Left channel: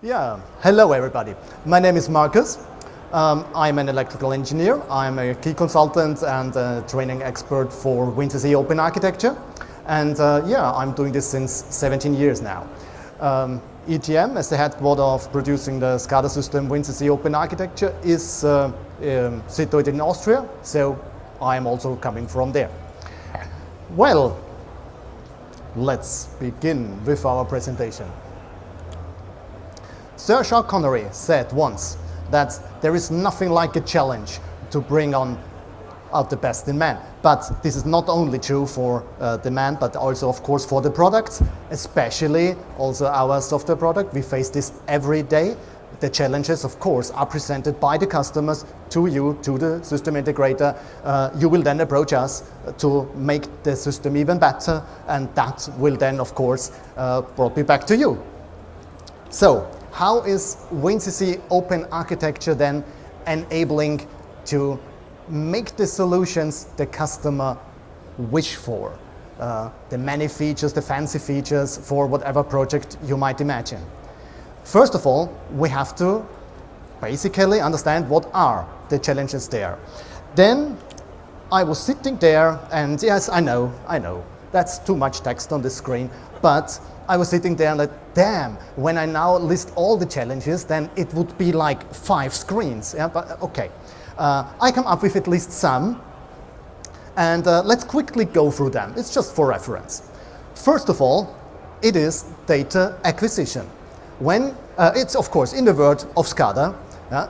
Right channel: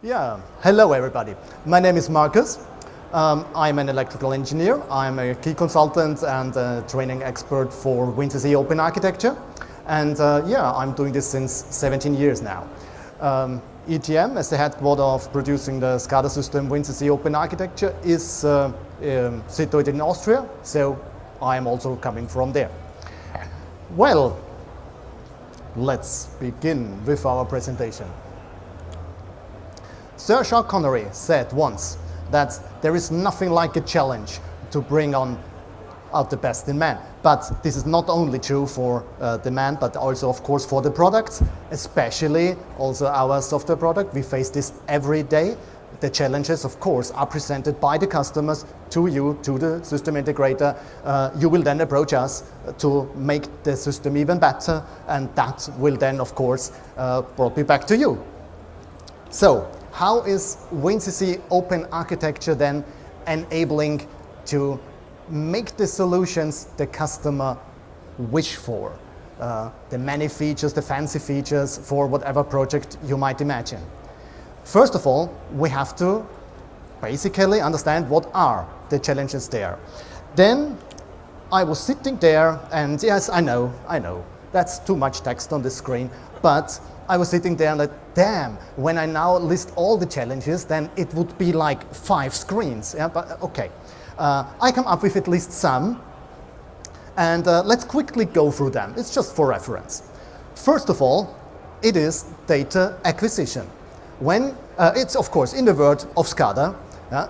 Yeah, hello everybody. My name is Marcus. I'm an electrical engineer. I'm a key consultant and a training expert for WinCC open architecture. And yeah, I'm doing this since 17 years now. ETM, as the headquarter of producing the SCADA system WinCC open architecture, is situated in Austria, so I'm also coming from there. Well, let's begin with our presentation. Sir Jacques Connery said once that there is nothing like a challenge to bring out the best in man. But this is not only true for the man, but also, of course, for the product, especially also our software product. We face this every day. The challenges, of course, are presented by the customers to you, to the system integrator. You will then approach us to make the system even better, and that will then, of course, brought me back to you. So, how is WinCC open architecture then enabling to make the solutions the customer wish for? The many features, the fancy features for whatever project you might imagine. First of all, we have to basically understand what are the challenges there. Then I was sitting there and yes, I know, that's too much text on the screen, but I was sitting there and like, damn, when I now list all the challenges, then it would be like 5 screens. Yeah, but okay. I come up with at least some, and let's quickly go through them. It's just for reference. First of all, it is data acquisition. When it's, of course, in the world of SCADA,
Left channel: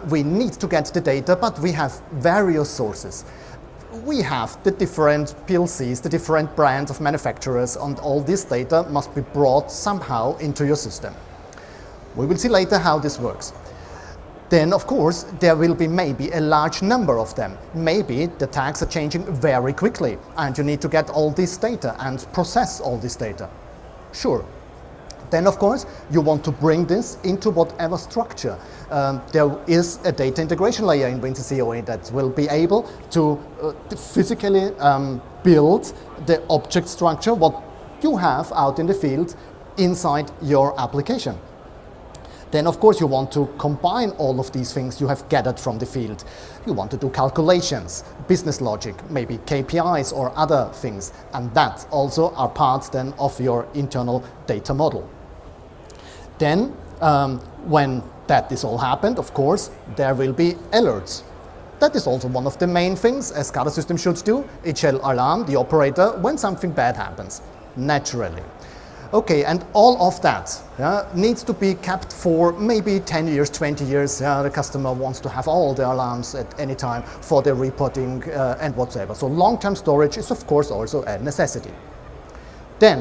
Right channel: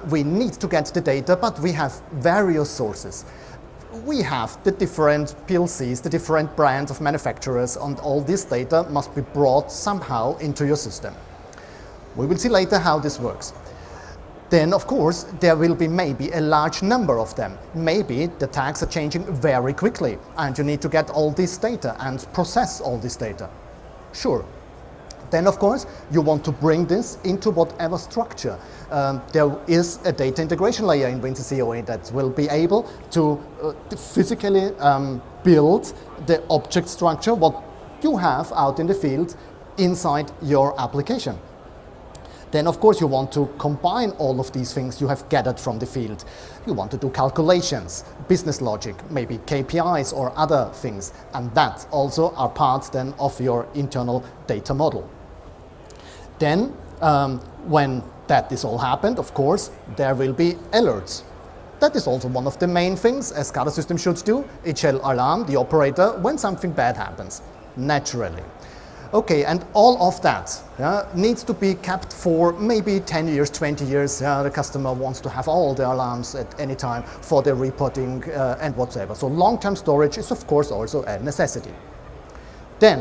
we need to get the data, but we have various sources. We have the different PLCs, the different brands of manufacturers, and all this data must be brought somehow into your system. We will see later how this works. Then, of course, there will be maybe a large number of them. Maybe the tags are changing very quickly, and you need to get all this data and process all this data. Sure. Then, of course, you want to bring this into whatever structure. There is a data integration layer in WinCC OA that will be able to physically build the object structure, what you have out in the field, inside your application. Then, of course, you want to combine all of these things you have gathered from the field. You want to do calculations, business logic, maybe KPIs or other things, and that also are parts then of your internal data model. Then, when that is all happened, of course, there will be alerts. That is also one of the main things a SCADA system should do. It shall alarm the operator when something bad happens, naturally. Okay, and all of that needs to be kept for maybe 10 years, 20 years. The customer wants to have all the alarms at any time for the reporting and whatsoever. So long-term storage is, of course, also a necessity. Then,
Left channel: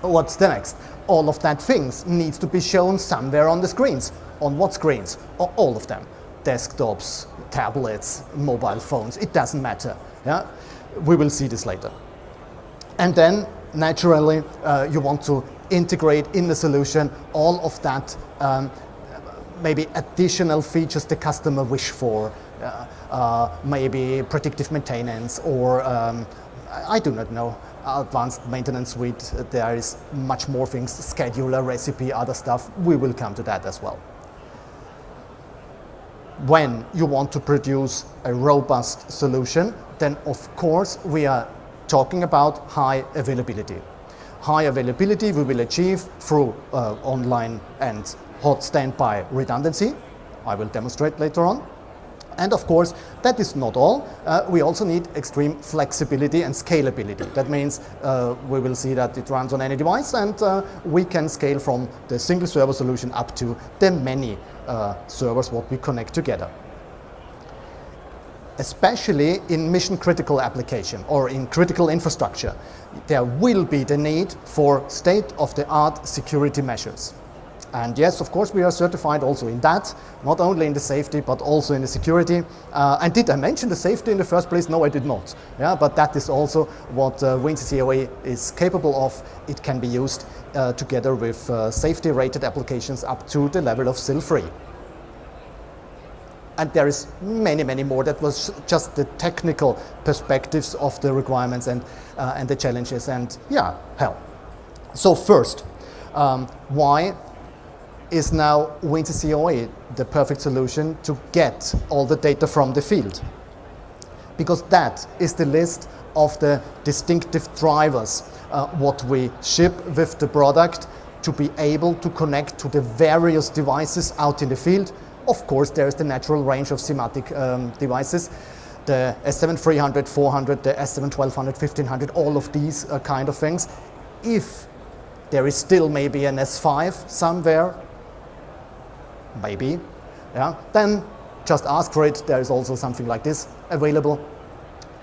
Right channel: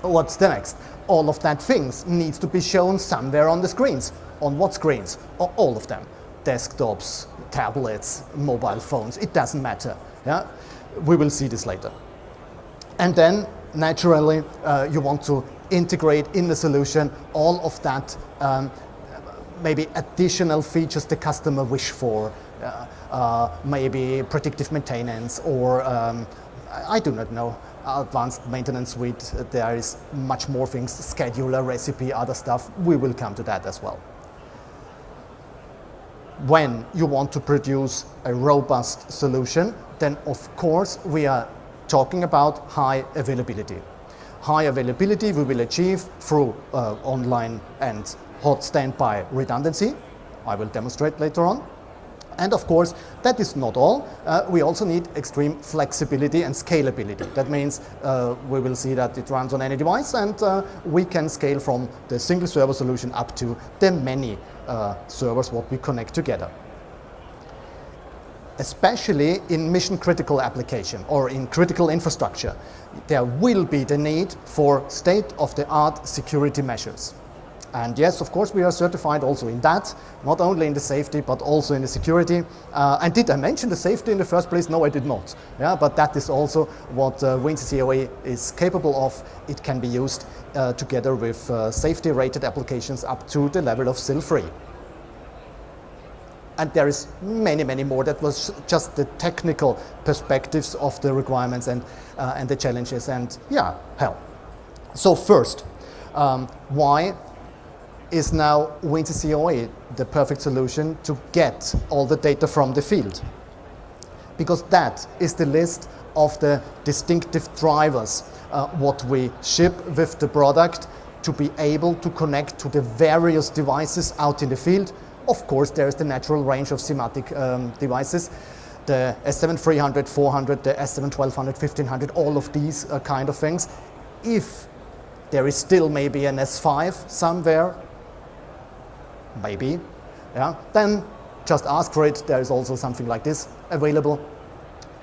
what's the next? All of that things needs to be shown somewhere on the screens. On what screens? All of them. Desktops, tablets, mobile phones, it doesn't matter. Yeah? We will see this later. And then, naturally, you want to integrate in the solution all of that, maybe additional features the customer wish for, maybe predictive maintenance or, I do not know, advanced maintenance suite. There is much more things, scheduler, recipe, other stuff. We will come to that as well. When you want to produce a robust solution, then of course we are talking about high availability. High availability we will achieve through online and hot standby redundancy. I will demonstrate later on. And of course, that is not all. We also need extreme flexibility and scalability. That means we will see that it runs on any device, and we can scale from the single server solution up to the many servers what we connect together. Especially in mission-critical application or in critical infrastructure, there will be the need for state-of-the-art security measures. And yes, of course, we are certified also in that, not only in the safety, but also in the security. And did I mention the safety in the first place? No, I did not. Yeah, but that is also what WinCC OA is capable of. It can be used together with safety-rated applications up to the level of SIL-free. And there is many, many more. That was just the technical perspectives of the requirements and the challenges. And yeah, hell. So first, why is now WinCC OA the perfect solution to get all the data from the field? Because that is the list of the distinctive drivers, what we ship with the product to be able to connect to the various devices out in the field. Of course, there is the natural range of SIMATIC devices, the S7-300, 400, the S7-1200, 1500, all of these kind of things. If there is still maybe an S5 somewhere, maybe, yeah, then just ask for it. There is also something like this available.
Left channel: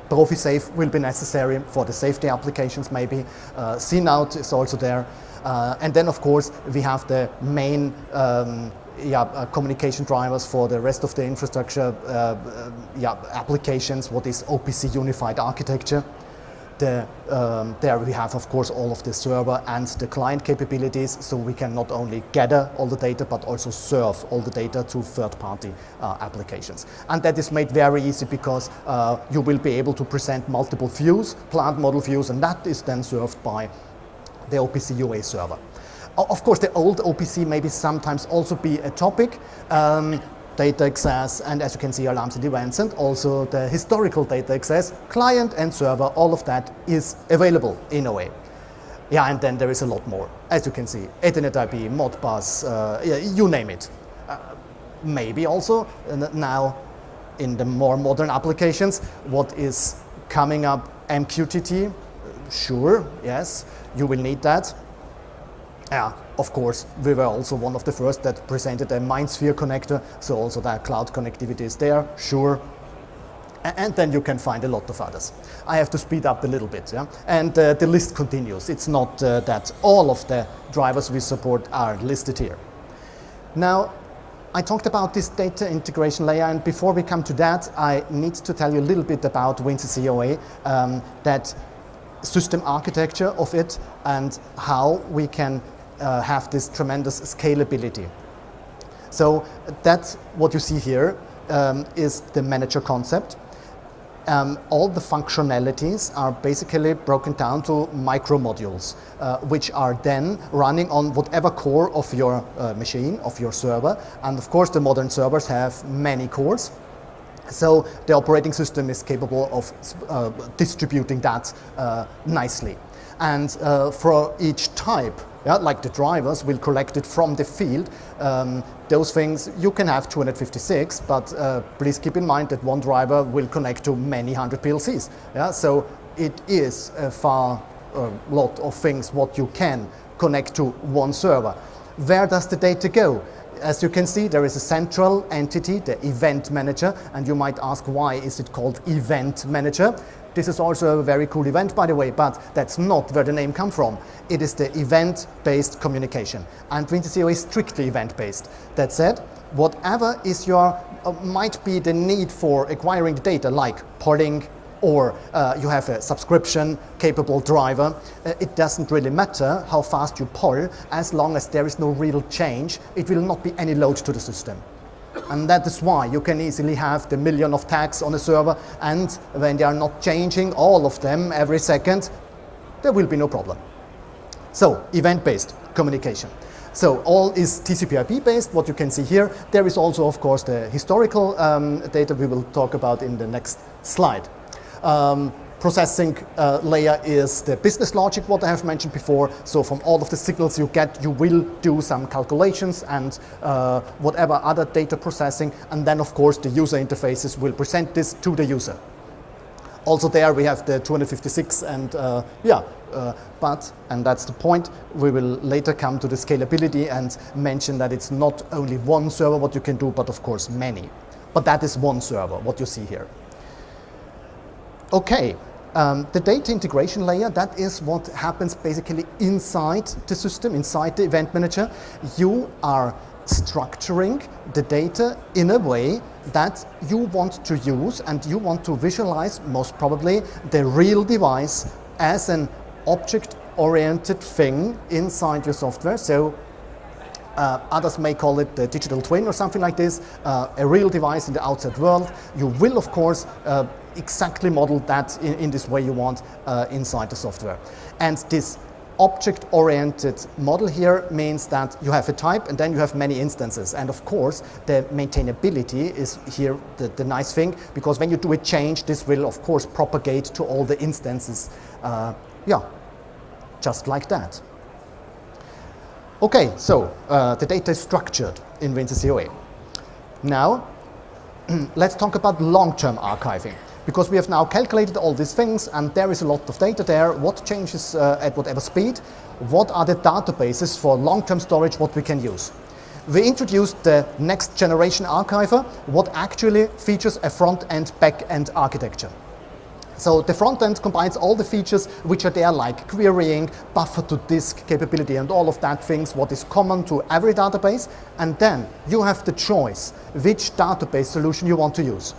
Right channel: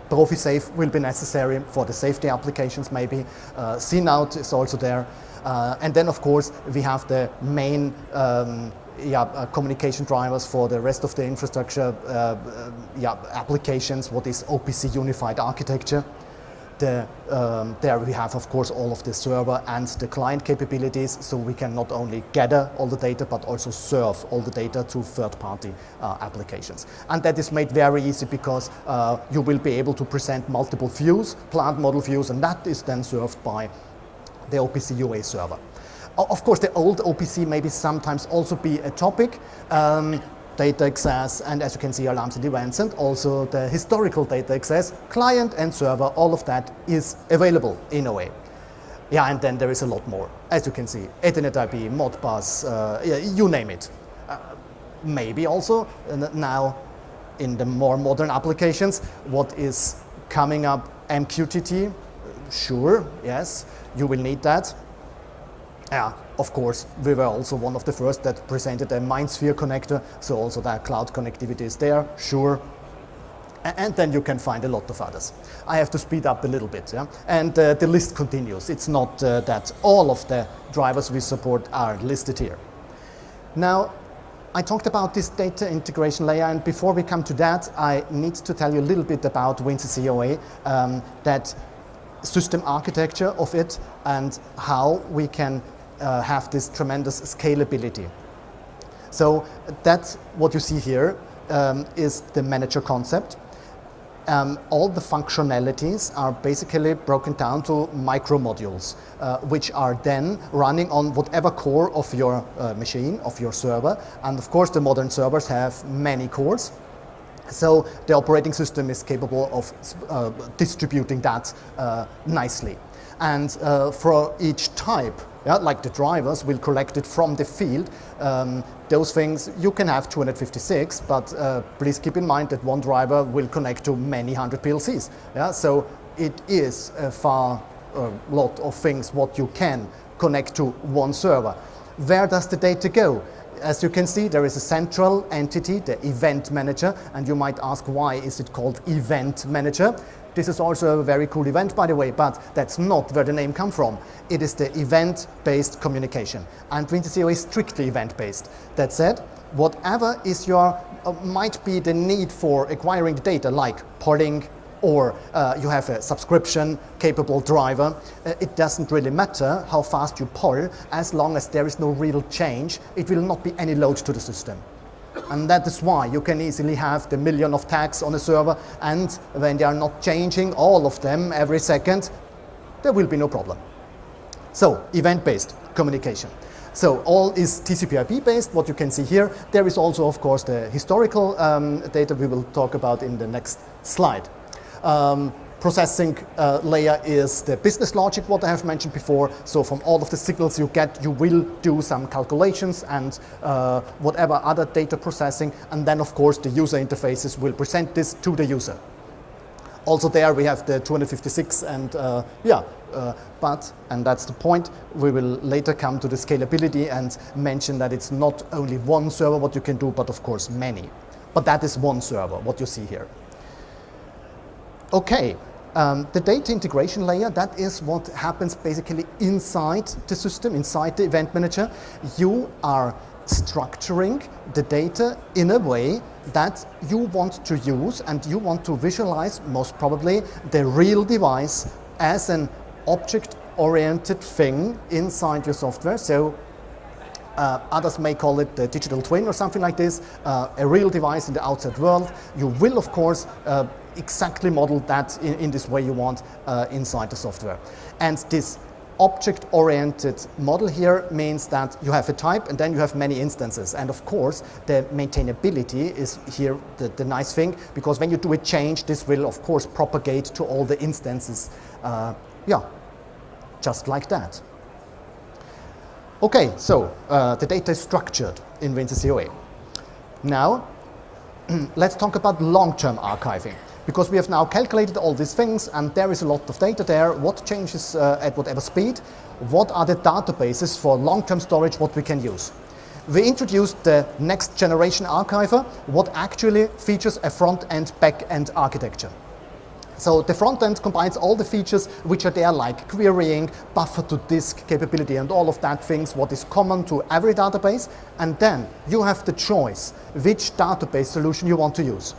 ProfiSafe will be necessary for the safety applications maybe. CNOUT is also there. And then, of course, we have the main communication drivers for the rest of the infrastructure applications, what is OPC Unified Architecture. There we have, of course, all of the server and the client capabilities, so we can not only gather all the data, but also serve all the data to third-party applications. And that is made very easy because you will be able to present multiple views, plant model views, and that is then served by the OPC UA server. Of course, the old OPC maybe sometimes also be a topic. Data access, and as you can see, alarms and events, and also the historical data access, client and server, all of that is available in a way. Yeah, and then there is a lot more. As you can see, Ethernet IP, Modbus, you name it. Maybe also now in the more modern applications, what is coming up, MQTT, sure, yes, you will need that. Yeah, of course, we were also one of the first that presented a MindSphere connector, so also that cloud connectivity is there, sure. And then you can find a lot of others. I have to speed up a little bit, yeah? And the list continues. It's not that all of the drivers we support are listed here. Now, I talked about this data integration layer, and before we come to that, I need to tell you a little bit about WinCC OA, that system architecture of it, and how we can have this tremendous scalability. So that's what you see here is the manager concept. All the functionalities are basically broken down to micro modules, which are then running on whatever core of your machine, of your server. And of course, the modern servers have many cores. So the operating system is capable of distributing that nicely. And for each type, like the drivers will collect it from the field. Those things, you can have 256, but please keep in mind that one driver will connect to many hundred PLCs. Yeah? So it is a far lot of things what you can connect to one server. Where does the data go? As you can see, there is a central entity, the event manager, and you might ask, why is it called event manager? This is also a very cool event, by the way, but that's not where the name comes from. It is the event-based communication, and WinCC is strictly event-based. That said, whatever is your might be the need for acquiring the data, like polling, or you have a subscription-capable driver, it doesn't really matter how fast you poll, as long as there is no real change, it will not be any load to the system. And that is why you can easily have the million of tags on a server, and when they are not changing all of them every second, there will be no problem. So, event-based communication. So all is TCP/IP based, what you can see here. There is also, of course, the historical data we will talk about in the next slide. Processing layer is the business logic, what I have mentioned before. So from all of the signals you get, you will do some calculations and whatever other data processing. And then, of course, the user interfaces will present this to the user. Also there we have the 256 and and that's the point, we will later come to the scalability and mention that it's not only one server what you can do, but of course many. But that is one server, what you see here. Okay, the data integration layer, that is what happens basically inside the system, inside the event manager. You are structuring the data in a way that you want to use, and you want to visualize, most probably, the real device as an object-oriented thing inside your software. So others may call it the digital twin or something like this, a real device in the outside world. You will, of course, exactly model that in this way you want inside the software. And this object-oriented model here means that you have a type and then you have many instances. And of course, the maintainability is here the nice thing, because when you do a change, this will of course propagate to all the instances. Yeah, just like that. Okay, so the data is structured in WinCC OA. Now, let's talk about long-term archiving. Because we have now calculated all these things and there is a lot of data there, what changes at whatever speed, what are the databases for long-term storage what we can use. We introduced the next generation archiver, what actually features a front-end, back-end architecture. So the front-end combines all the features which are there, like querying, buffer-to-disk capability and all of that things, what is common to every database. And then you have the choice which database solution you want to use.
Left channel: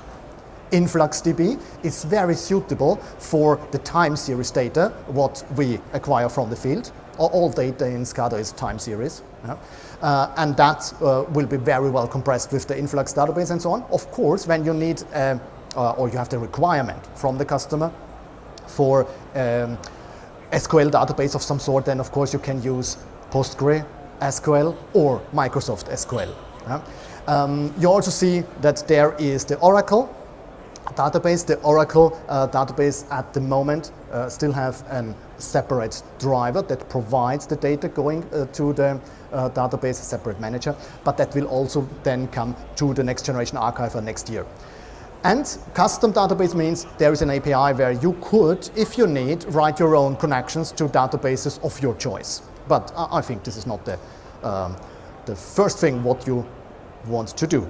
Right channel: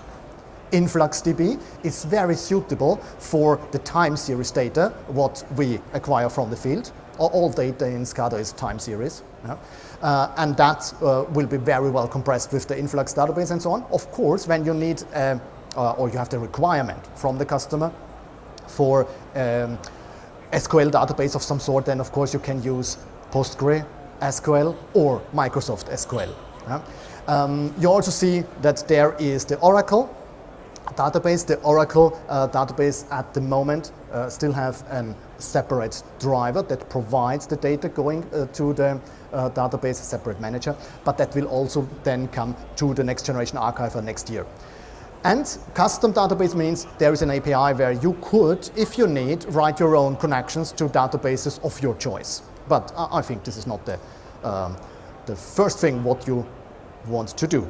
InfluxDB is very suitable for the time series data, what we acquire from the field. All data in SCADA is time series. Yeah? And that will be very well compressed with the Influx database and so on. Of course, when you need, or you have the requirement from the customer for SQL database of some sort, then of course you can use PostgreSQL or Microsoft SQL. Yeah? You also see that there is the Oracle database. The Oracle database at the moment still have a separate driver that provides the data going to the database, a separate manager, but that will also then come to the next generation archiver next year. And custom database means there is an API where you could, if you need, write your own connections to databases of your choice. But I think this is not the first thing what you want to do.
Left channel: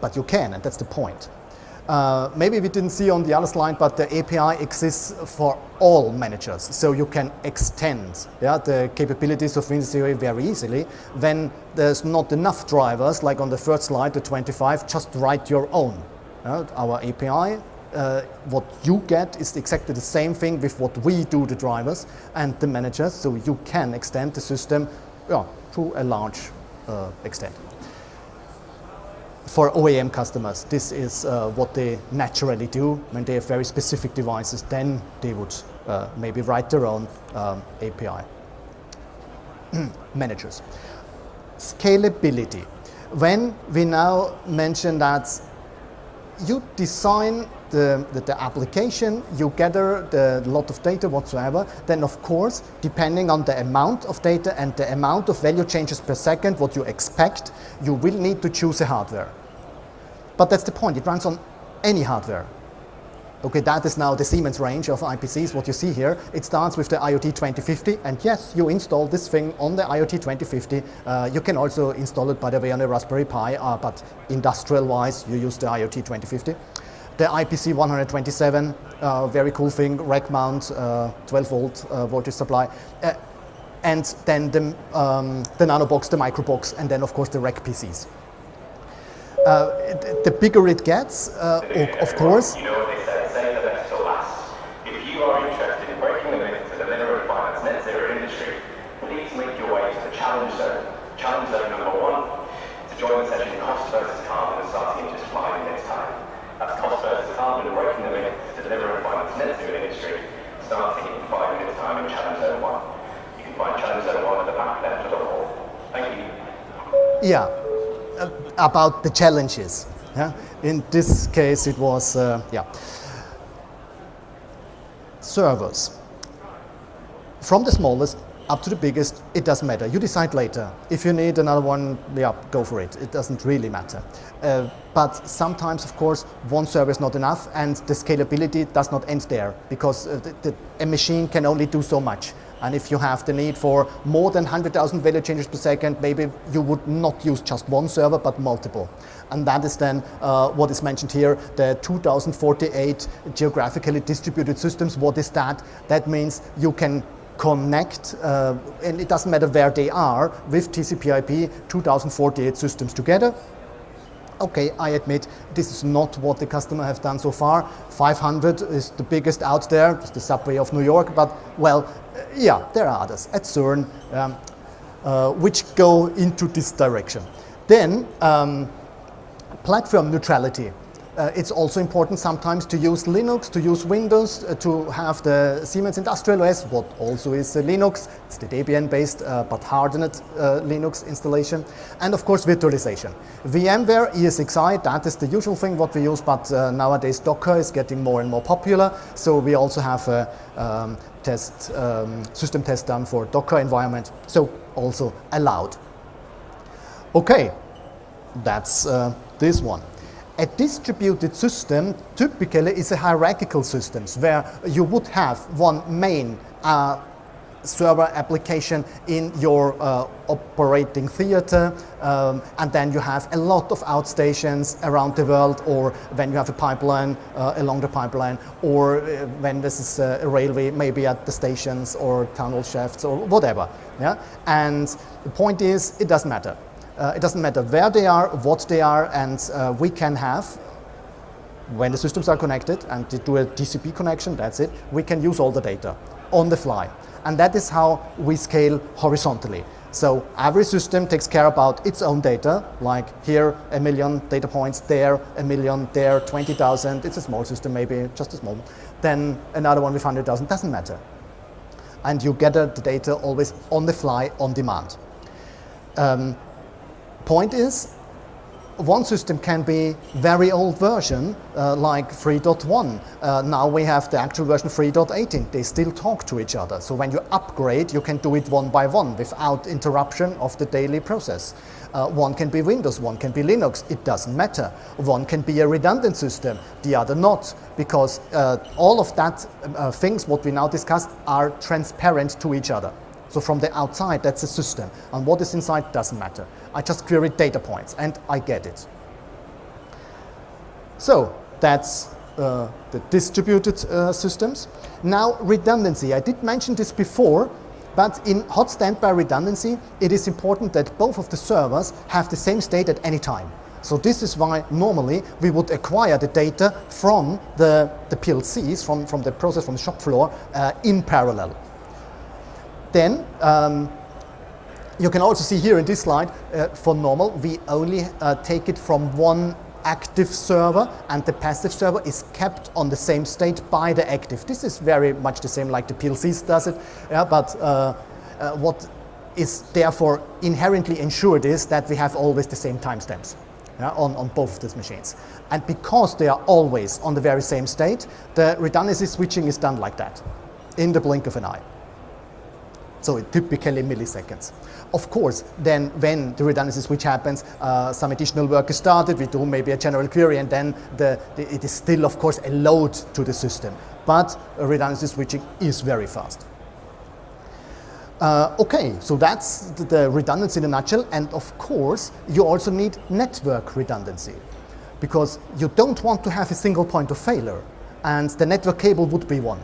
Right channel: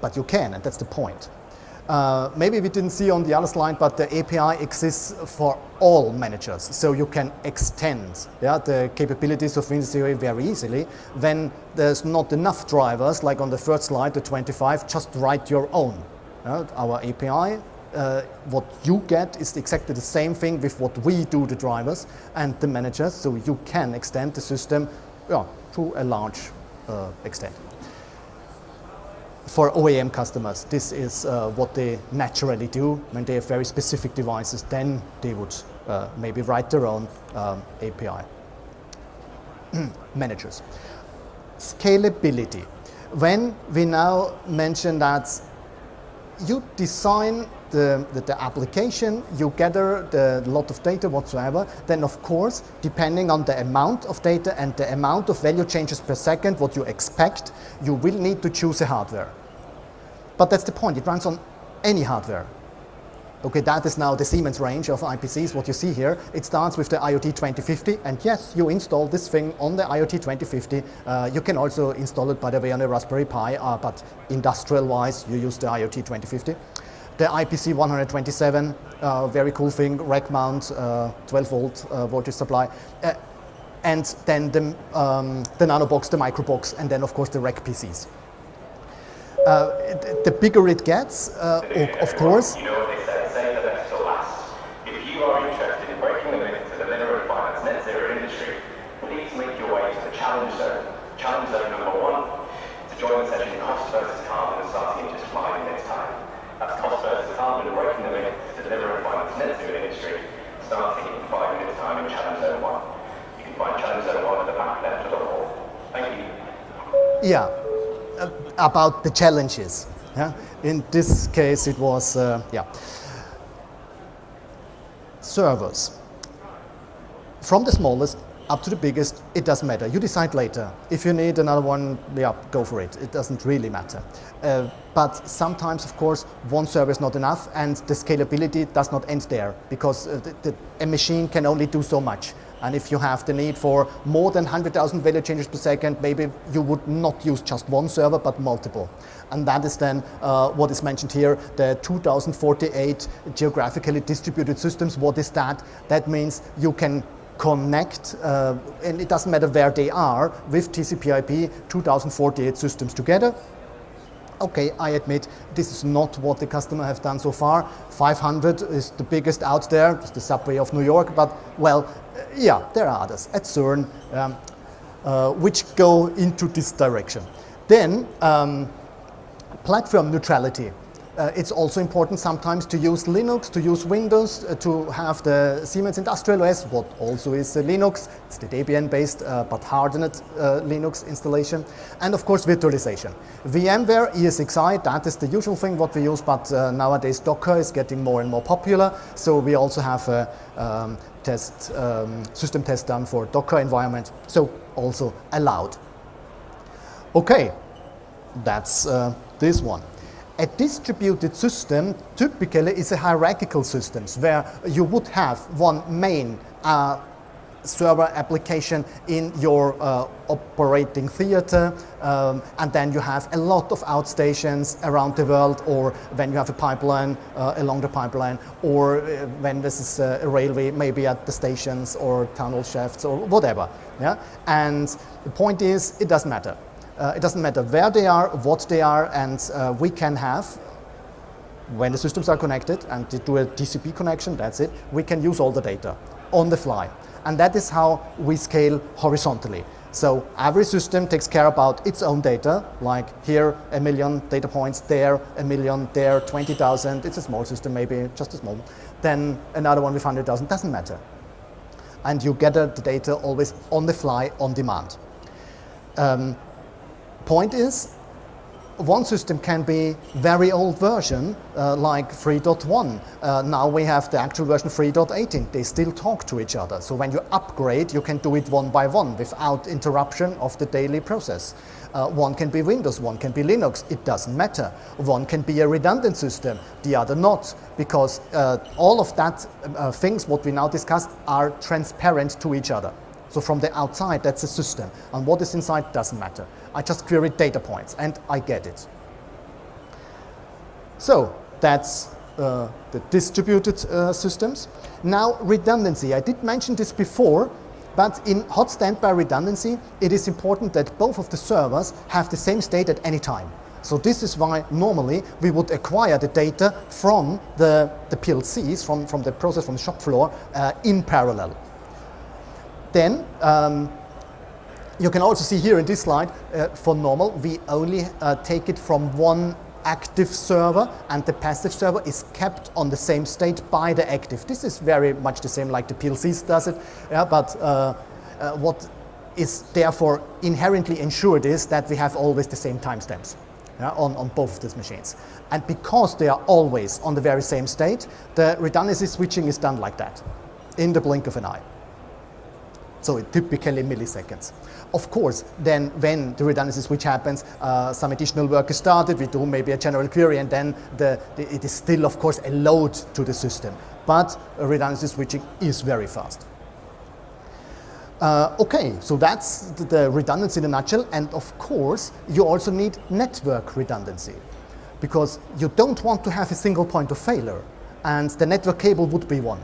But you can, and that's the point. Maybe we didn't see on the other slide, but the API exists for all managers. So you can extend the capabilities of WinCC very easily. When there's not enough drivers, like on the first slide, the 25, just write your own. Our API, what you get is exactly the same thing with what we do, the drivers and the managers. So you can extend the system to a large extent. For OEM customers, this is what they naturally do. When they have very specific devices, then they would maybe write their own API. Managers. Scalability. When we now mention that you design the application, you gather the lot of data whatsoever, then of course, depending on the amount of data and the amount of value changes per second, what you expect, you will need to choose a hardware. But that's the point, it runs on any hardware. Okay, that is now the Siemens range of IPCs, what you see here. It starts with the IoT 2050, and yes, you install this thing on the IoT 2050. You can also install it, by the way, on a Raspberry Pi, but industrial-wise, you use the IoT 2050. The IPC 127, very cool thing, rack mount, 12-volt voltage supply. And then the NanoBox, the Microbox, and then, of course, the rack PCs. The bigger it gets, of course. You know what they say the best to last. If you are interested in breaking the limits to the minimum requirements net zero industry, please make your way to the challenge zone. Challenge zone number 1. To join the session, cost versus carbon, starting in just 5 minutes time. That's cost versus carbon, breaking the limits to the minimum requirements net zero industry, starting in 5 minutes time in challenge zone 1. You can find challenge zone 1 at the back left of the hall. Thank you. Yeah. About the challenges. Yeah? In this case, it was servers. From the smallest up to the biggest, it doesn't matter. You decide later. If you need another one, go for it. It doesn't really matter. But sometimes, of course, one server is not enough, and the scalability does not end there, because a machine can only do so much. And if you have the need for more than 100,000 value changes per second, maybe you would not use just one server, but multiple. And that is then what is mentioned here, the 2048 geographically distributed systems. What is that? That means you can connect, and it doesn't matter where they are, with TCP/IP 2048 systems together. Okay, I admit this is not what the customer have done so far. 500 is the biggest out there, it's the subway of New York, but well, yeah, there are others at CERN which go into this direction. Then, platform neutrality. It's also important sometimes to use Linux, to use Windows, to have the Siemens Industrial OS, what also is Linux. It's the Debian-based but hardened Linux installation. And of course, virtualization. VMware, ESXi, that is the usual thing what we use, but nowadays Docker is getting more and more popular. So we also have a system test done for Docker environment, so also allowed. Okay, that's this one. A distributed system typically is a hierarchical system where you would have one main server application in your operating theater, and then you have a lot of outstations around the world, or when you have a pipeline along the pipeline, or when this is a railway, maybe at the stations or tunnel shafts or whatever. Yeah? And the point is, it doesn't matter. It doesn't matter where they are, what they are, and we can have, when the systems are connected and they do a TCP connection, that's it, we can use all the data on the fly. And that is how we scale horizontally. So every system takes care about its own data, like here 1 million data points, there 1 million, there 20,000, it's a small system maybe, just a small, then another one with 100,000, doesn't matter. And you gather the data always on the fly, on demand. Point is, one system can be very old version, like 3.1. Now we have the actual version 3.18. They still talk to each other. So when you upgrade, you can do it one by one without interruption of the daily process. One can be Windows, one can be Linux, it doesn't matter. One can be a redundant system, the other not, because all of that things what we now discussed are transparent to each other. So from the outside, that's a system. And what is inside doesn't matter. I just query data points, and I get it. So that's the distributed systems. Now, redundancy. I did mention this before, but in hot standby redundancy, it is important that both of the servers have the same state at any time. So this is why normally we would acquire the data from the PLCs, from the process, from the shop floor, in parallel. Then, you can also see here in this slide, for normal, we only take it from one active server, and the passive server is kept on the same state by the active. This is very much the same like the PLCs does it, yeah, but what is therefore inherently ensured is that we have always the same timestamps, yeah, on both of these machines. And because they are always on the very same state, the redundancy switching is done like that, in the blink of an eye. So it typically milliseconds. Of course, then when the redundancy switch happens, some additional work is started, we do maybe a general query, and then it is still, of course, a load to the system. But redundancy switching is very fast. Okay, so that's the redundancy in a nutshell. And of course, you also need network redundancy, because you don't want to have a single point of failure, and the network cable would be one.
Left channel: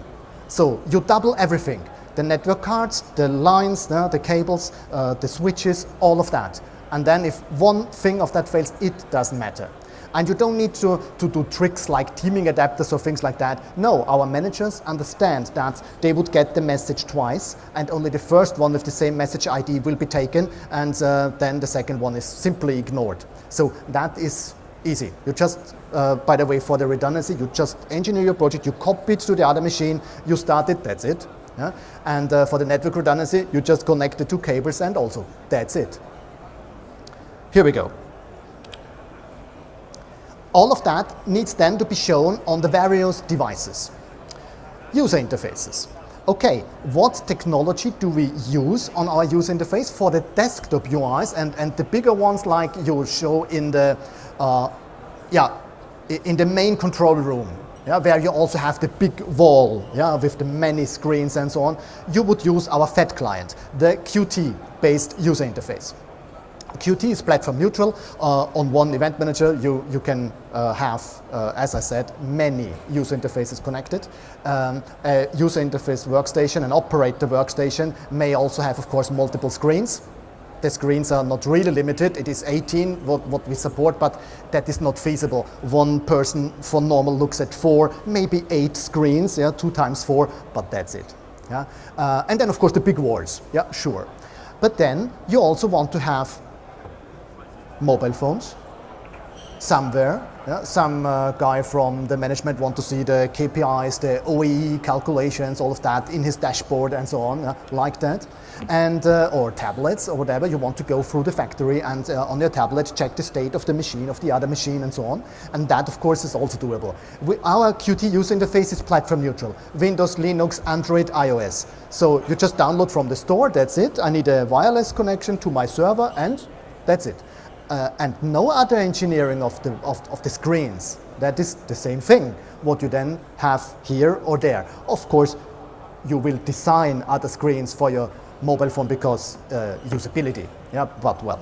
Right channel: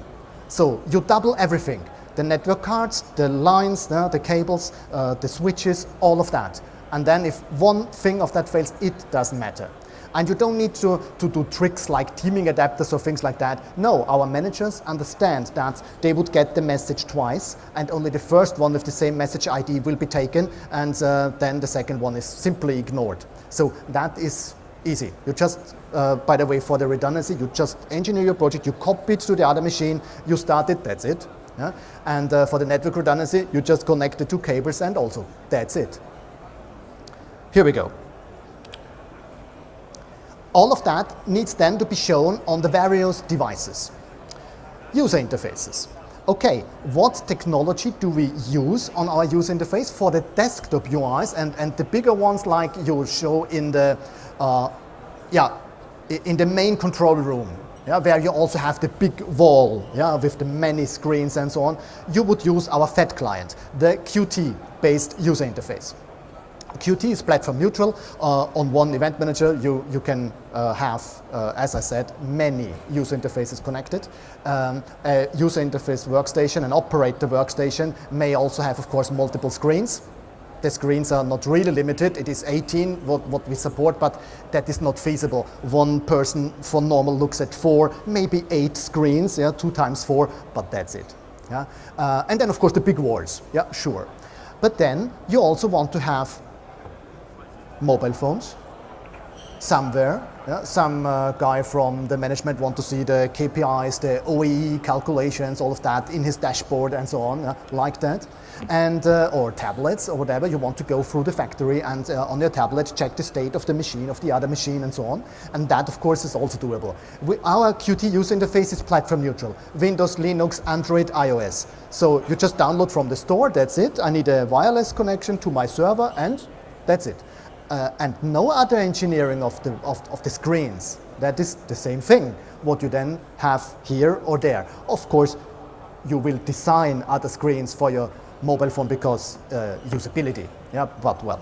So you double everything. The network cards, the lines, the cables, the switches, all of that. And then if one thing of that fails, it doesn't matter. And you don't need to do tricks like teaming adapters or things like that. No, our managers understand that they would get the message twice, and only the first one with the same message ID will be taken, and then the second one is simply ignored. So that is easy. You just, by the way, for the redundancy, you just engineer your project, you copy it to the other machine, you start it, that's it. Yeah? And for the network redundancy, you just connect the two cables, and also that's it. Here we go. All of that needs then to be shown on the various devices. User interfaces. Okay, what technology do we use on our user interface for the desktop UIs and the bigger ones like you show in the in the main control room, yeah, where you also have the big wall, yeah, with the many screens and so on. You would use our FAT client, the Qt-based user interface. Qt is platform neutral. On one event manager, you can have, as I said, many user interfaces connected. A user interface workstation, an operator workstation, may also have, of course, multiple screens. The screens are not really limited. It is 18 what we support, but that is not feasible. One person for normal looks at 4, maybe 8 screens, yeah, 2 times 4, but that's it. Yeah? And then, of course, the big walls. Yeah, sure. But then you also want to have mobile phones somewhere Yeah, some guy from the management want to see the KPIs, the OEE calculations, all of that in his dashboard and so on, like that. And or tablets or whatever, you want to go through the factory and on your tablet check the state of the machine, of the other machine and so on. And that, of course, is also doable. Our Qt user interface is platform neutral. Windows, Linux, Android, iOS. So you just download from the store, that's it. I need a wireless connection to my server and that's it. And no other engineering of the screens. That is the same thing, what you then have here or there. Of course, you will design other screens for your mobile phone because usability, yeah, but well.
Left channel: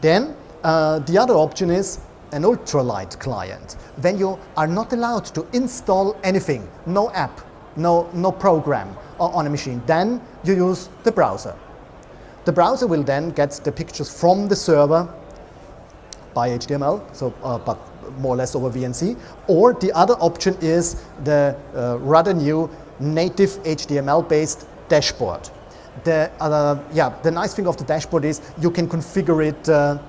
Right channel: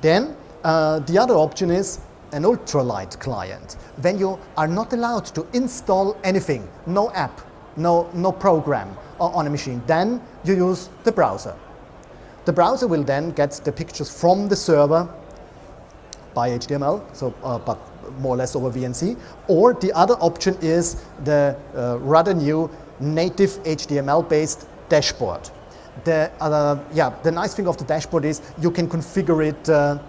Then the other option is an ultralight client. When you are not allowed to install anything, no app, no program on a machine, then you use the browser. The browser will then get the pictures from the server by HTML, so but more or less over VNC. Or the other option is the rather new native HTML-based dashboard. The nice thing of the dashboard is you can configure it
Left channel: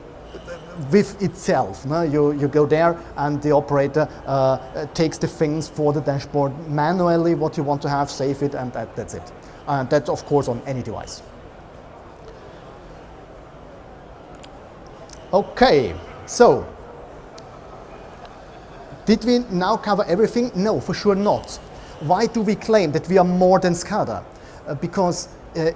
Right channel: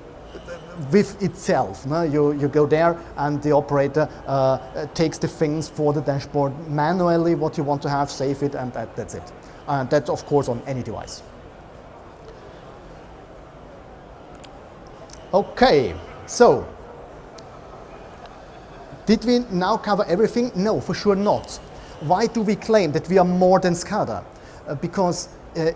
with itself. No? You go there and the operator takes the things for the dashboard manually, what you want to have, save it, and that's it. That's of course on any device. Okay, so did we now cover everything? No, for sure not. Why do we claim that we are more than SCADA? Because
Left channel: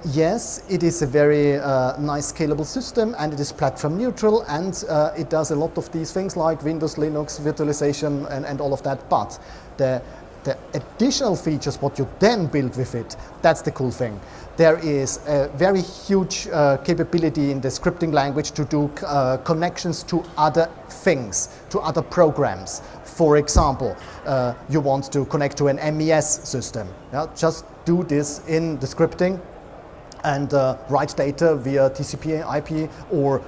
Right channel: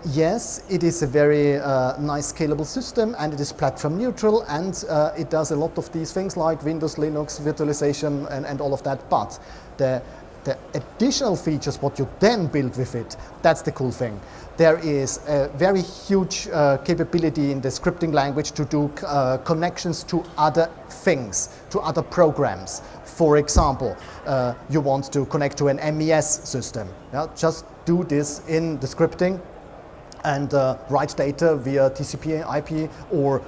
yes, it is a very nice scalable system and it is platform neutral and it does a lot of these things like Windows, Linux, virtualization and all of that, but the additional features, what you then build with it, that's the cool thing. There is a very huge capability in the scripting language to do connections to other things, to other programs. For example, you want to connect to an MES system. Yeah? Just do this in the scripting and write data via TCP IP, or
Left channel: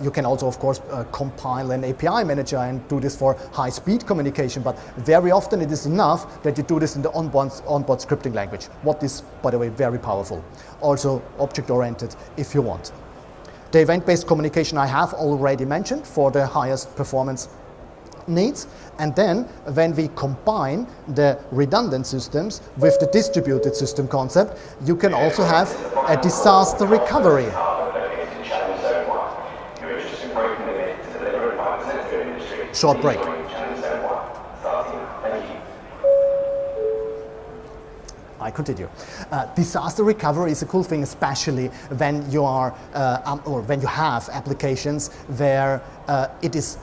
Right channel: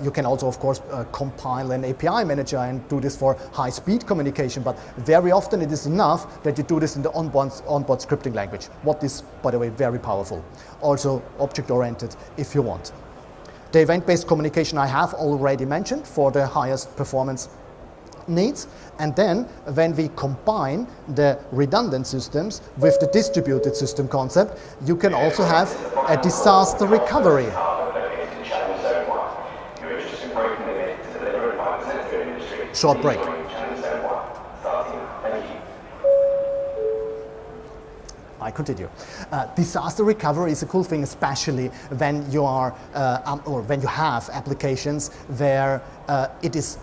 you can also, of course, compile an API manager and do this for high-speed communication. But very often it is enough that you do this in the onboard scripting language. What is, by the way, very powerful. Also object-oriented if you want. The event-based communication I have already mentioned for the highest performance needs. And then when we combine the redundant systems with the distributed system concept, you can also have a disaster recovery. Short break. I continue. Disaster recovery is a cool thing, especially when you are or when you have applications where it is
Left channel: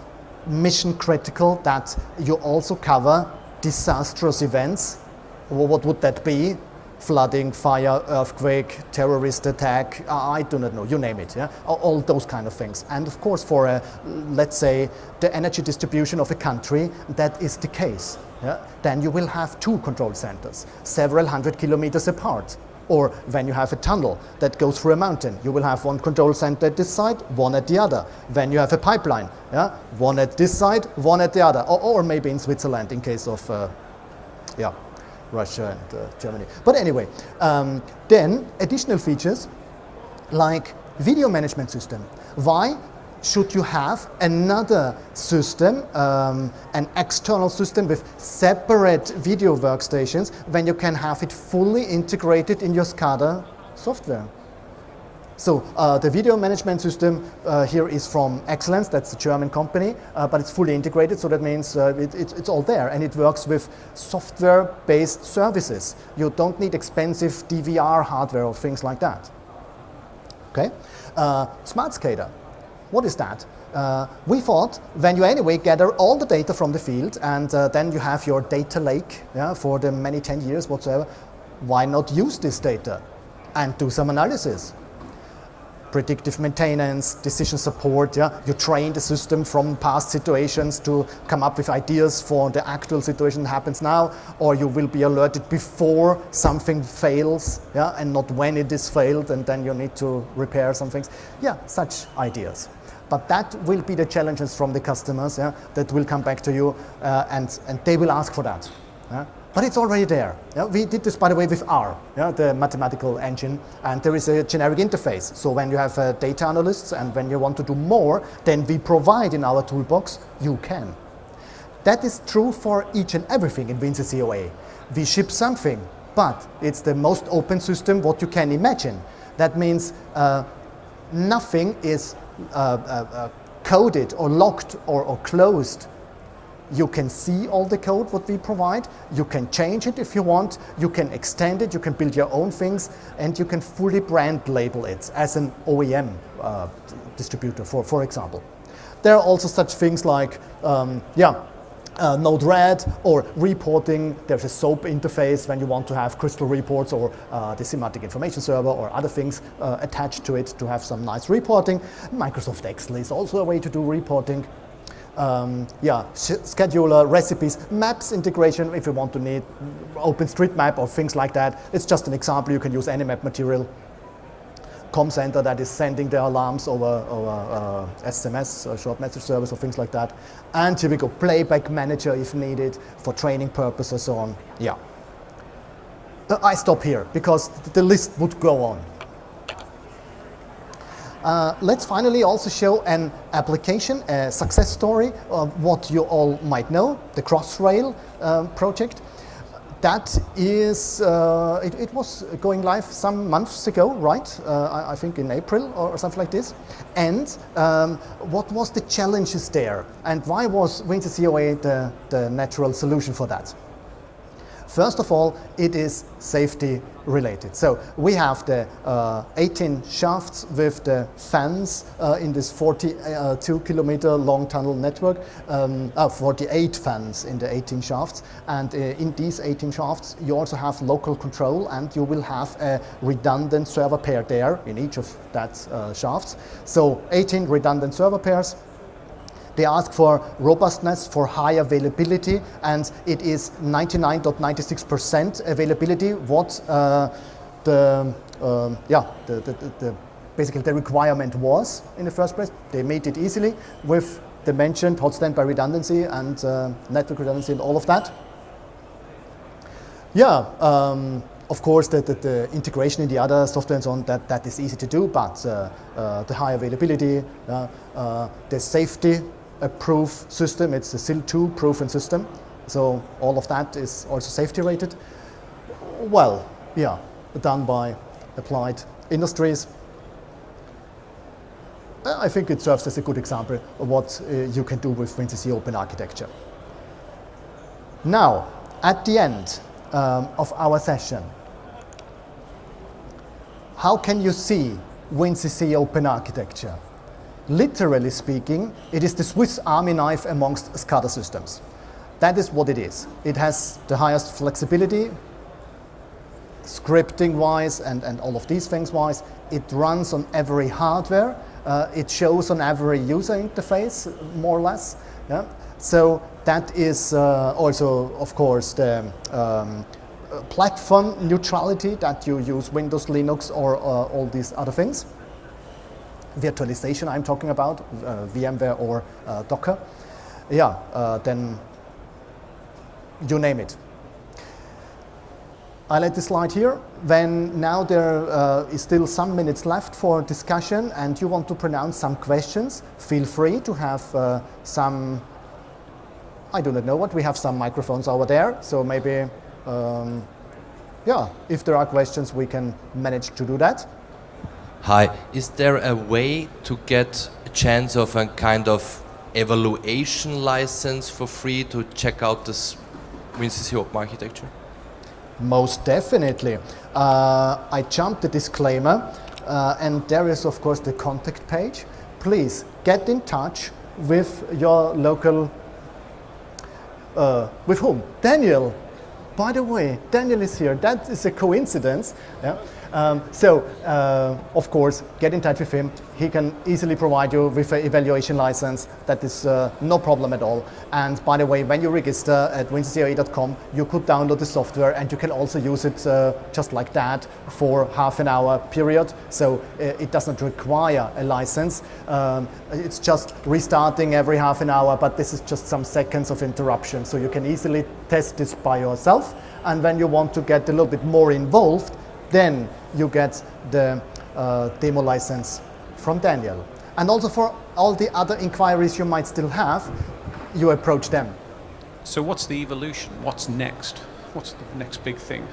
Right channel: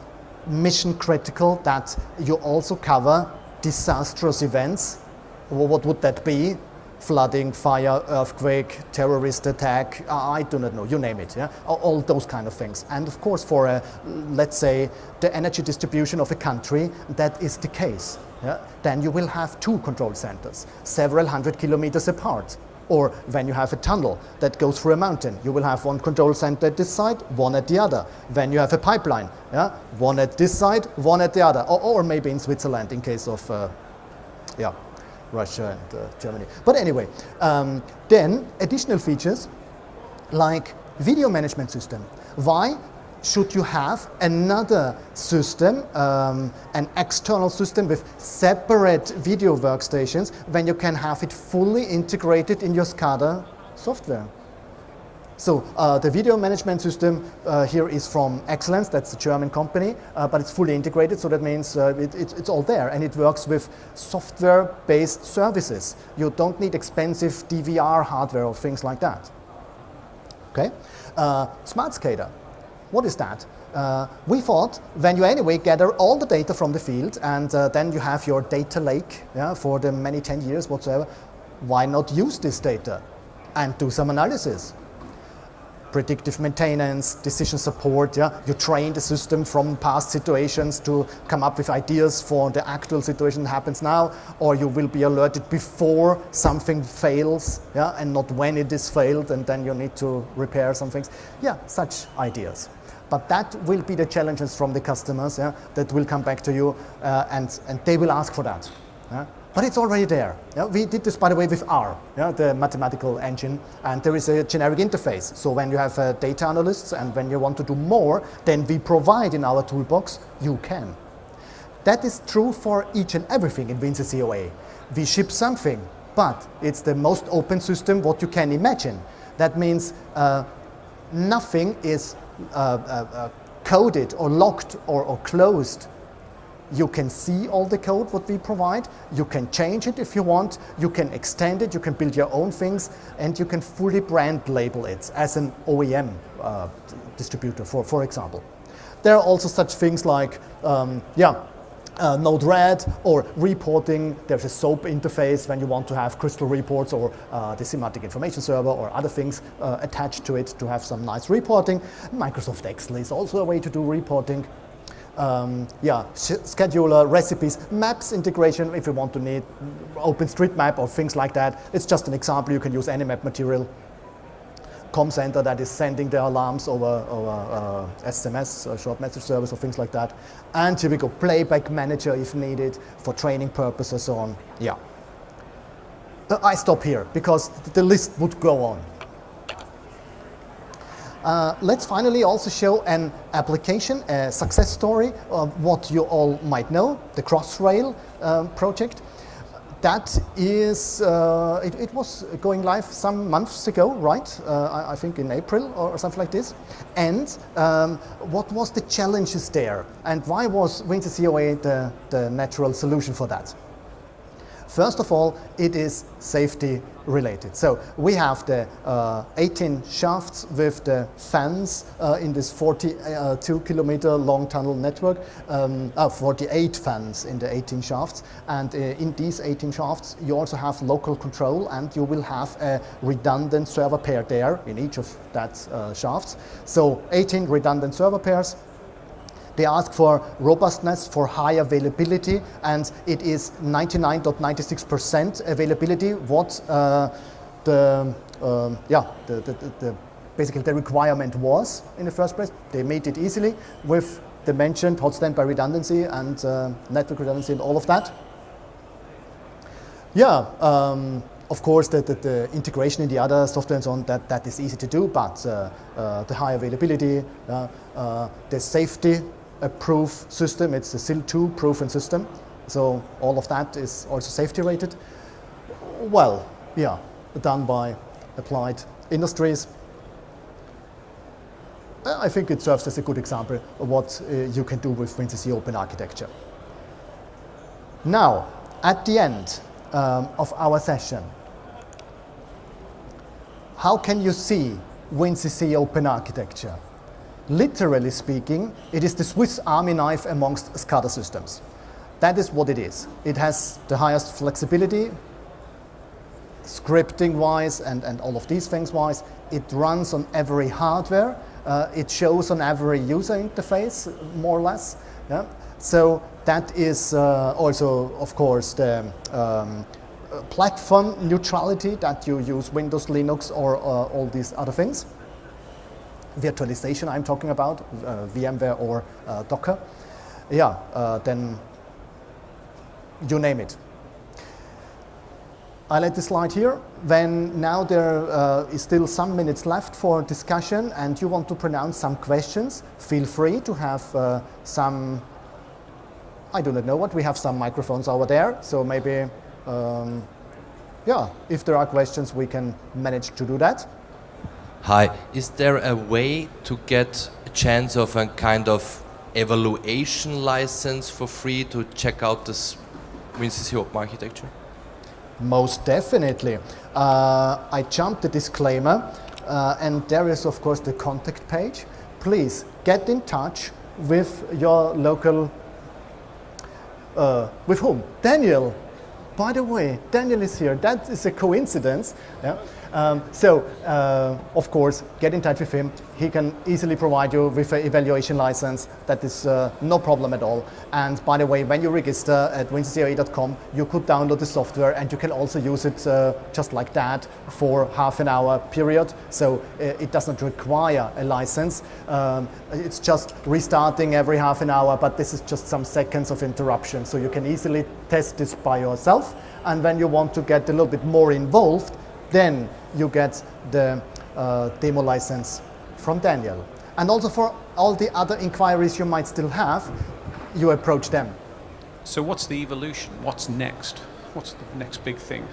mission critical that you also cover disastrous events. Well, what would that be? Flooding, fire, earthquake, terrorist attack, I do not know, you name it, yeah? All those kind of things. And of course for, let's say, the energy distribution of a country, that is the case. Yeah? Then you will have two control centers, several hundred kilometers apart. Or when you have a tunnel that goes through a mountain, you will have one control center at this side, one at the other. When you have a pipeline, yeah, one at this side, one at the other. Or maybe in Switzerland in case of Russia and Germany. But anyway, then additional features like video management system. Why should you have another system, an external system with separate video workstations when you can have it fully integrated in your SCADA software? So the video management system here is from Excellence, that's a German company, but it's fully integrated, so that means it's all there, and it works with software-based services. You don't need expensive DVR hardware or things like that. Okay, Smart SCADA. What is that? We thought when you anyway gather all the data from the field and then you have your data lake, yeah, for the many 10 years whatsoever, why not use this data and do some analysis? Predictive maintenance, decision support, yeah? You train the system from past situations to come up with ideas for the actual situation that happens now, or you will be alerted before something fails, yeah? And not when it is failed and then you need to repair some things. Yeah, such ideas. But that will be the challenges from the customers, yeah, that will come back to you and they will ask for that. Yeah? But it's already there. Yeah, we did this, by the way, with R, yeah, the mathematical engine, and there is a generic interface. So when you have data analysts and when you want to do more than we provide in our toolbox, you can. That is true for each and everything in WinCC OA. We ship something, but it's the most open system what you can imagine. That means nothing is coded or locked or closed. You can see all the code what we provide, you can change it if you want, you can extend it, you can build your own things, and you can fully brand label it as an OEM distributor, for example. There are also such things like, Node-RED or reporting. There's a SOAP interface when you want to have crystal reports, or the SIMATIC information server or other things attached to it to have some nice reporting. Microsoft Excel is also a way to do reporting. Scheduler, recipes, maps integration if you want to need OpenStreetMap or things like that. It's just an example. You can use any map material. Com center that is sending the alarms over SMS or short message service or things like that. And here we go, playback manager if needed for training purposes, so on. Yeah. I stop here because the list would go on. Let's finally also show an application, a success story of what you all might know, the Crossrail project. That is, it was going live some months ago, right? I think in April or something like this. And what was the challenges there? And why was WinCC OA the natural solution for that? First of all, it is safety related. So we have the 18 shafts with the fans in this 42 kilometer long tunnel network, 48 fans in the 18 shafts. And in these 18 shafts, you also have local control, and you will have a redundant server pair there in each of that shafts. So 18 redundant server pairs. They ask for robustness, for high availability, and it is 99.96% availability. What basically the requirement was in the first place. They made it easily with the mentioned hot standby redundancy and network redundancy and all of that. Yeah. Of course, the integration in the other software and so on, that is easy to do, but the high availability, the safety, a proof system, it's a SIL2 proven system, so all of that is also safety rated. Well, yeah, done by Applied Industries. I think it serves as a good example of what you can do with WinCC open architecture. Now, at the end of our session, how can you see WinCC open architecture? Literally speaking, it is the Swiss Army knife amongst SCADA systems. That is what it is. It has the highest flexibility, scripting-wise and all of these things-wise. It runs on every hardware. It shows on every user interface, more or less. Yeah? So that is also, of course, the platform neutrality that you use Windows, Linux, or all these other things. Virtualization I'm talking about, VMware or Docker. Yeah, then you name it. I let the slide here. Now there is still some minutes left for discussion, and you want to pronounce some questions, feel free to have some, I do not know what, we have some microphones over there, so maybe, if there are questions, we can manage to do that. Hi, is there a way to get a chance of a kind of evaluation license for free to check out this WinCC open architecture? Most definitely. I jumped the disclaimer, and there is of course the contact page. Please get in touch with your local, with whom? Daniel. By the way, Daniel is here. That is a coincidence. Yeah? Of course, get in touch with him. He can easily provide you with an evaluation license. That is no problem at all. And by the way, when you register at winccoe.com, you could download the software and you can also use it just like that for half an hour period. So it doesn't require a license. It's just restarting every half an hour, but this is just some seconds of interruption. So you can easily test this by yourself. And when you want to get a little bit more involved, then you get the demo license from Daniel. And also for all the other inquiries you might still have, you approach them. So what's the evolution? What's next? What's the next big thing?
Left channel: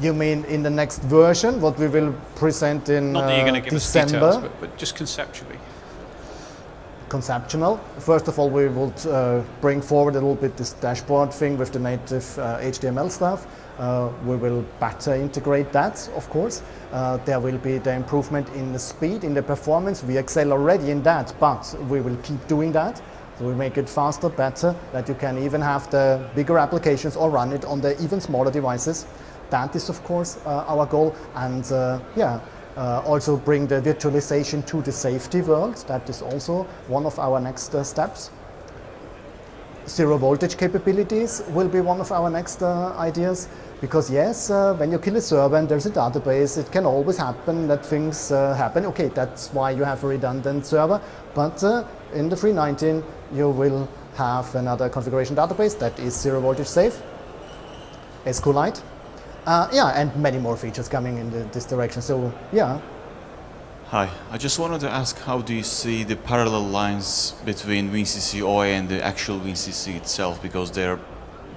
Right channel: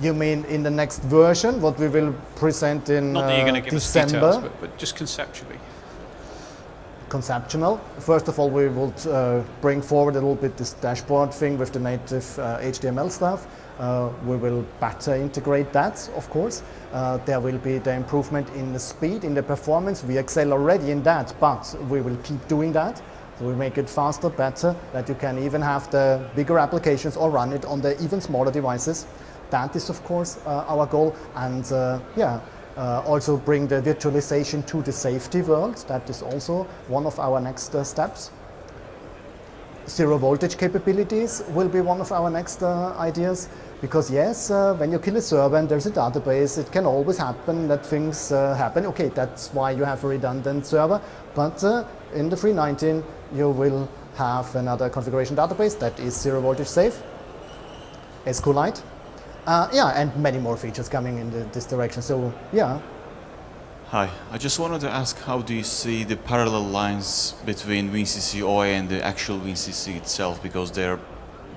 You mean in the next version, what we will present in Not that you're going to give December? us details, but just conceptually. Conceptual. First of all, we will bring forward a little bit this dashboard thing with the native HTML stuff. We will better integrate that, of course. There will be the improvement in the speed, in the performance. We excel already in that, but we will keep doing that. So we make it faster, better, that you can even have the bigger applications or run it on the even smaller devices. That is, of course, our goal. And also bring the virtualization to the safety world. That is also one of our next steps. Zero voltage capabilities will be one of our next ideas. Because yes, when you kill a server and there's a database, it can always happen that things happen. Okay, that's why you have a redundant server. But in the 319, you will have another configuration database that is zero voltage safe, SQLite. And many more features coming in this direction. So, yeah. Hi, I just wanted to ask, how do you see the parallel lines between WinCC OA and the actual WinCC itself? Because they're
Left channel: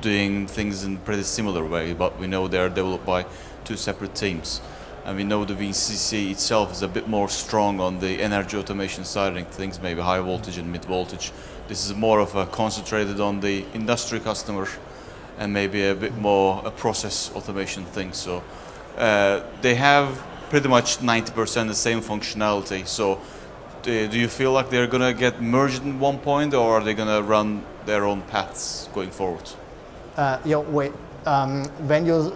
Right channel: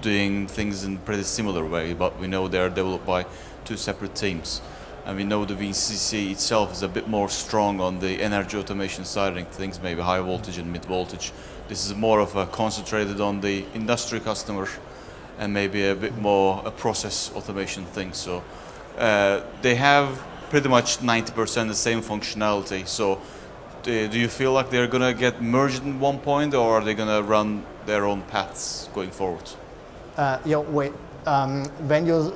doing things in a pretty similar way, but we know they're developed by two separate teams. And we know the WinCC itself is a bit more strong on the energy automation side of things, maybe high voltage and mid voltage. This is more of a concentrated on the industry customer and maybe a bit more a process automation thing. So they have pretty much 90% the same functionality. So do you feel like they're gonna get merged in one point, or are they gonna run their own paths going forward? When you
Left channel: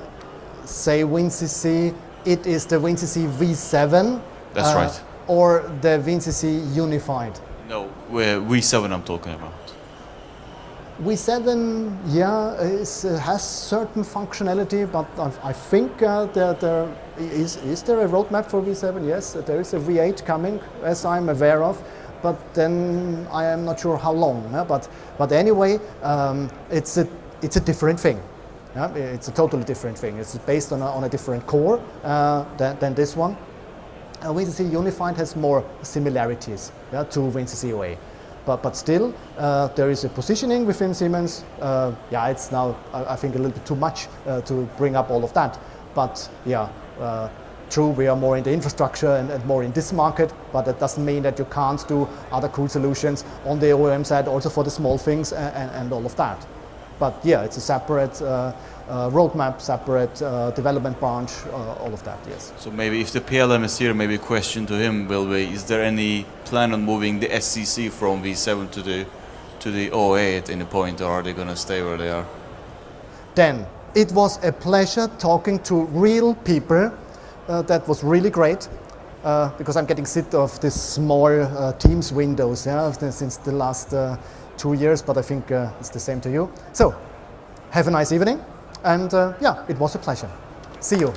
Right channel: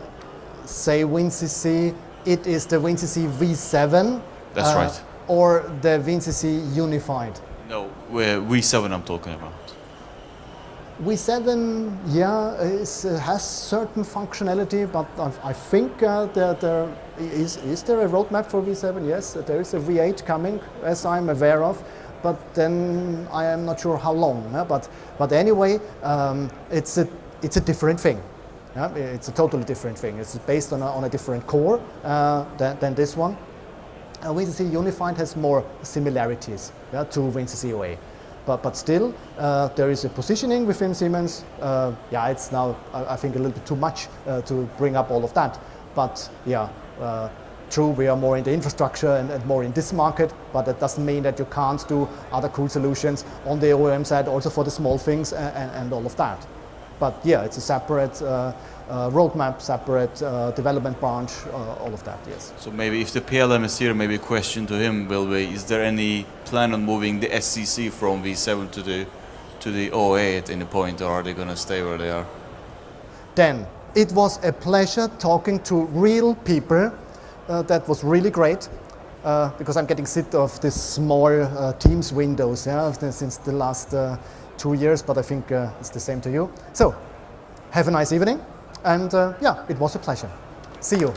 say WinCC, it is the WinCC V7? That's right. Or the WinCC Unified? No, V7 I'm talking about. V7, has certain functionality, but I think there is there a roadmap for V7? Yes, there is a V8 coming, as I'm aware of, but then I am not sure how long. But anyway, it's a different thing. It's a totally different thing. It's based on a different core than this one. WinCC Unified has more similarities to WinCC OA. But still, there is a positioning within Siemens. It's now, I think, a little bit too much to bring up all of that. But true, we are more in the infrastructure and more in this market, but that doesn't mean that you can't do other cool solutions on the OEM side, also for the small things and all of that. But it's a separate roadmap, separate development branch, all of that, yes. So maybe if the PLM is here, maybe a question to him will be, is there any plan on moving the SCC from V7 to the OA at any point, or are they going to stay where they are? Dan, it was a pleasure talking to real people. That was really great, because I'm getting sick of this small Teams windows since the last 2 years, but I think it's the same to you. So, have a nice evening. And it was a pleasure. See you.